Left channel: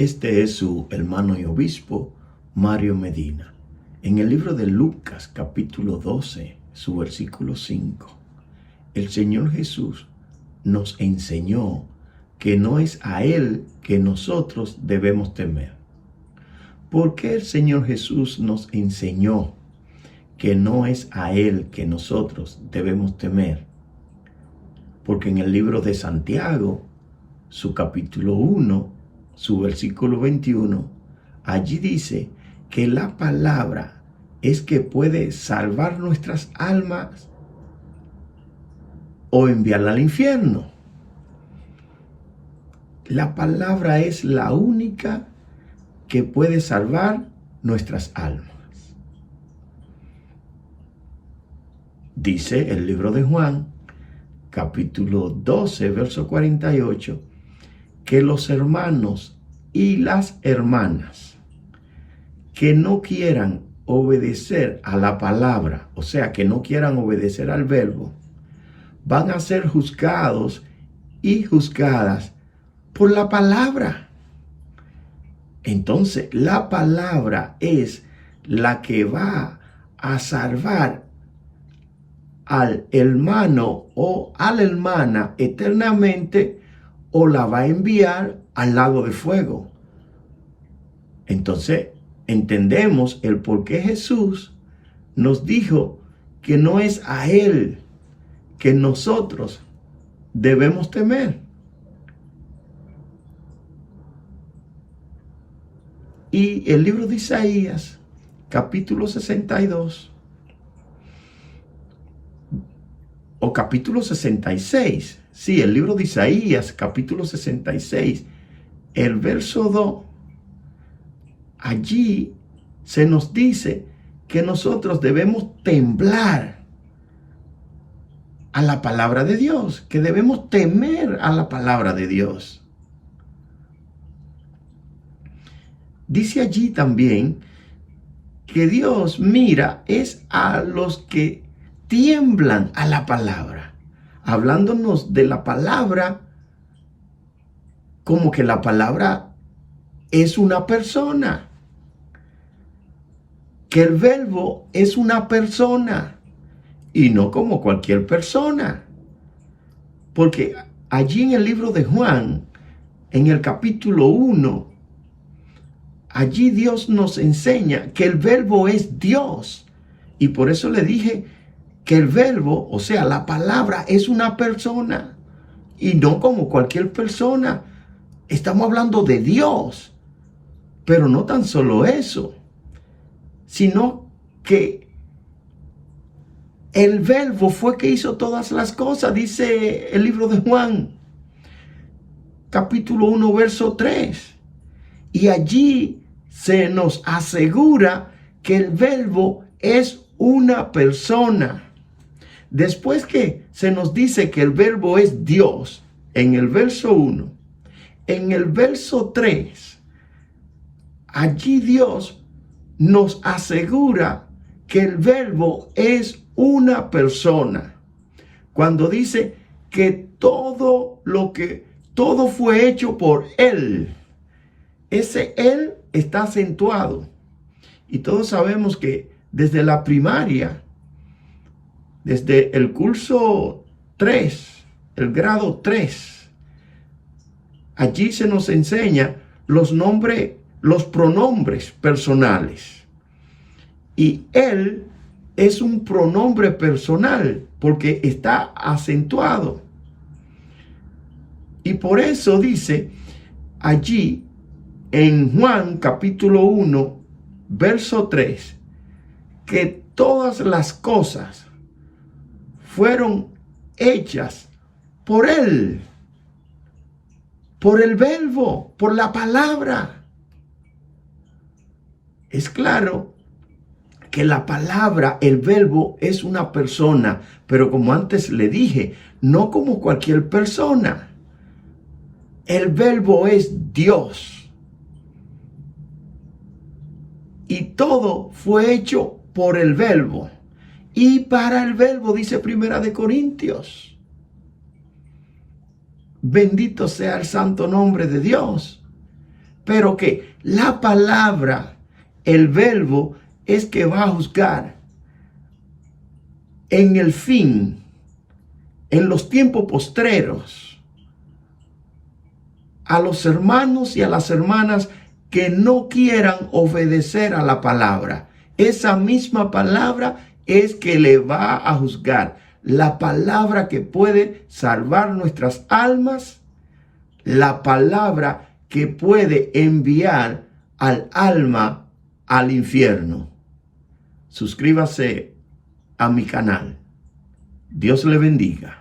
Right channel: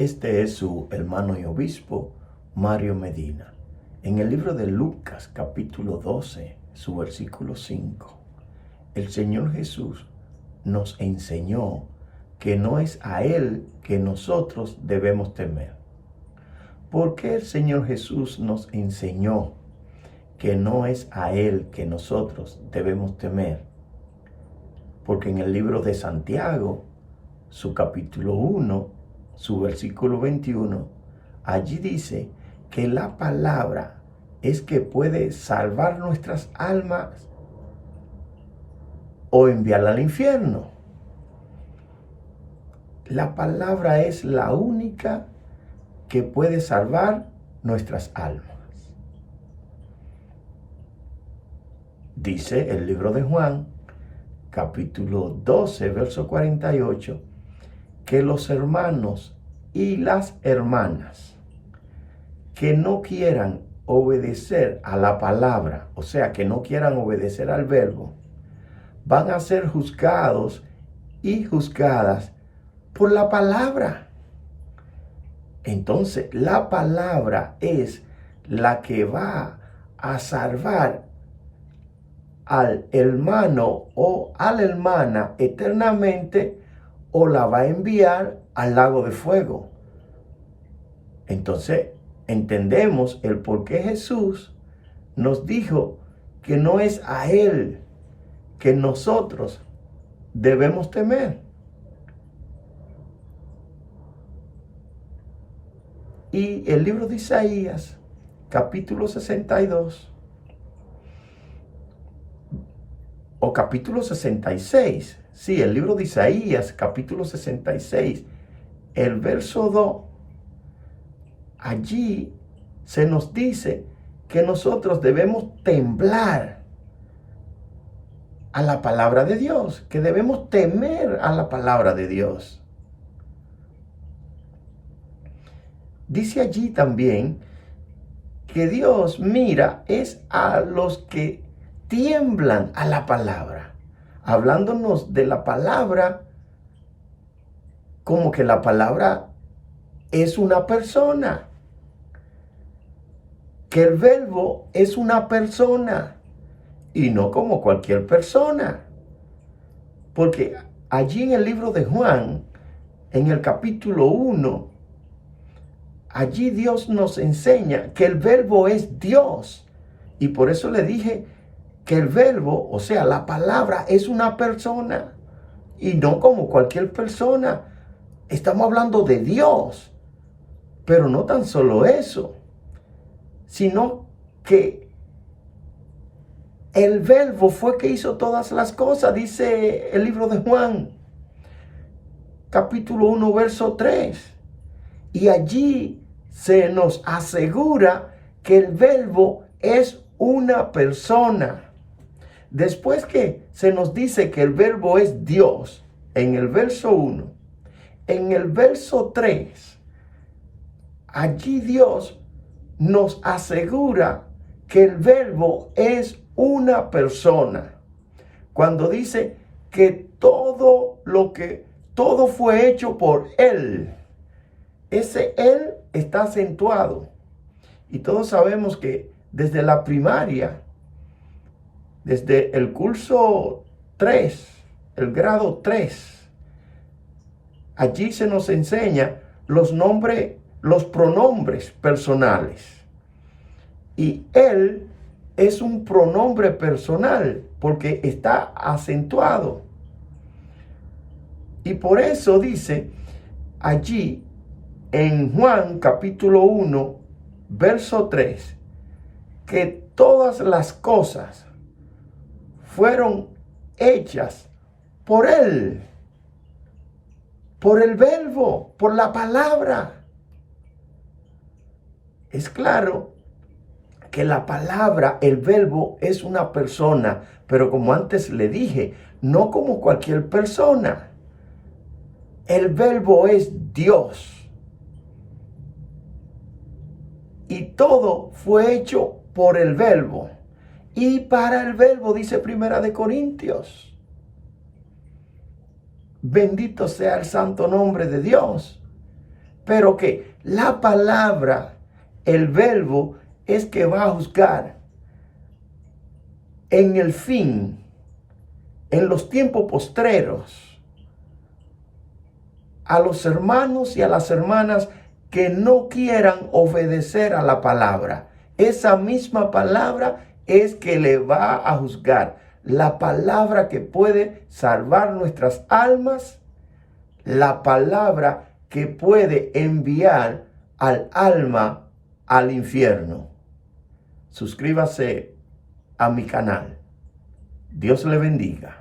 Este es su hermano y obispo, Mario Medina. En el libro de Lucas, capítulo 12, su versículo 5, el Señor Jesús nos enseñó que no es a Él que nosotros debemos temer. ¿Por qué el Señor Jesús nos enseñó que no es a Él que nosotros debemos temer? Porque en el libro de Santiago, su capítulo 1, su versículo 21, allí dice que la palabra es que puede salvar nuestras almas o enviarla al infierno. La palabra es la única que puede salvar nuestras almas. Dice el libro de Juan, capítulo 12, verso 48, que los hermanos y las hermanas que no quieran obedecer a la palabra, o sea, que no quieran obedecer al verbo, van a ser juzgados y juzgadas por la palabra. Entonces, la palabra es la que va a salvar al hermano o a la hermana eternamente, o la va a enviar al lago de fuego. Entonces, entendemos el por qué Jesús nos dijo que no es a Él que nosotros debemos temer. Y el libro de Isaías, capítulo 62, o capítulo 66, sí, el libro de Isaías, capítulo 66, el verso 2, allí se nos dice que nosotros debemos temblar a la palabra de Dios, que debemos temer a la palabra de Dios. Dice allí también que Dios mira es a los que tiemblan a la palabra, hablándonos de la palabra como que la palabra es una persona, que el verbo es una persona y no como cualquier persona. Porque allí en el libro de Juan, en el capítulo 1, allí Dios nos enseña que el verbo es Dios. Y por eso le dije que el verbo, o sea, la palabra es una persona y no como cualquier persona. Estamos hablando de Dios. Pero no tan solo eso, sino que el verbo fue que hizo todas las cosas, dice el libro de Juan, capítulo 1, verso 3. Y allí se nos asegura que el verbo es una persona. Después que se nos dice que el verbo es Dios, en el verso 1, en el verso 3, allí Dios nos asegura que el verbo es una persona. Cuando dice que todo fue hecho por Él. Ese Él está acentuado. Y todos sabemos que desde la primaria, desde el curso 3, el grado 3, allí se nos enseña los pronombres personales. Y Él es un pronombre personal porque está acentuado. Y por eso dice allí en Juan capítulo 1, verso 3, que todas las cosas fueron hechas por Él, por el verbo, por la palabra. Es claro que la palabra, el verbo, es una persona, pero como antes le dije, no como cualquier persona. El verbo es Dios. Y todo fue hecho por el verbo. Y para el verbo, dice Primera de Corintios. Bendito sea el santo nombre de Dios. pero que la palabra, el verbo, es que va a juzgar en el fin, en los tiempos postreros, a los hermanos y a las hermanas que no quieran obedecer a la palabra. Esa misma palabra es que le va a juzgar. La palabra que puede salvar nuestras almas, la palabra que puede enviar al alma al infierno. Suscríbase a mi canal. Dios le bendiga.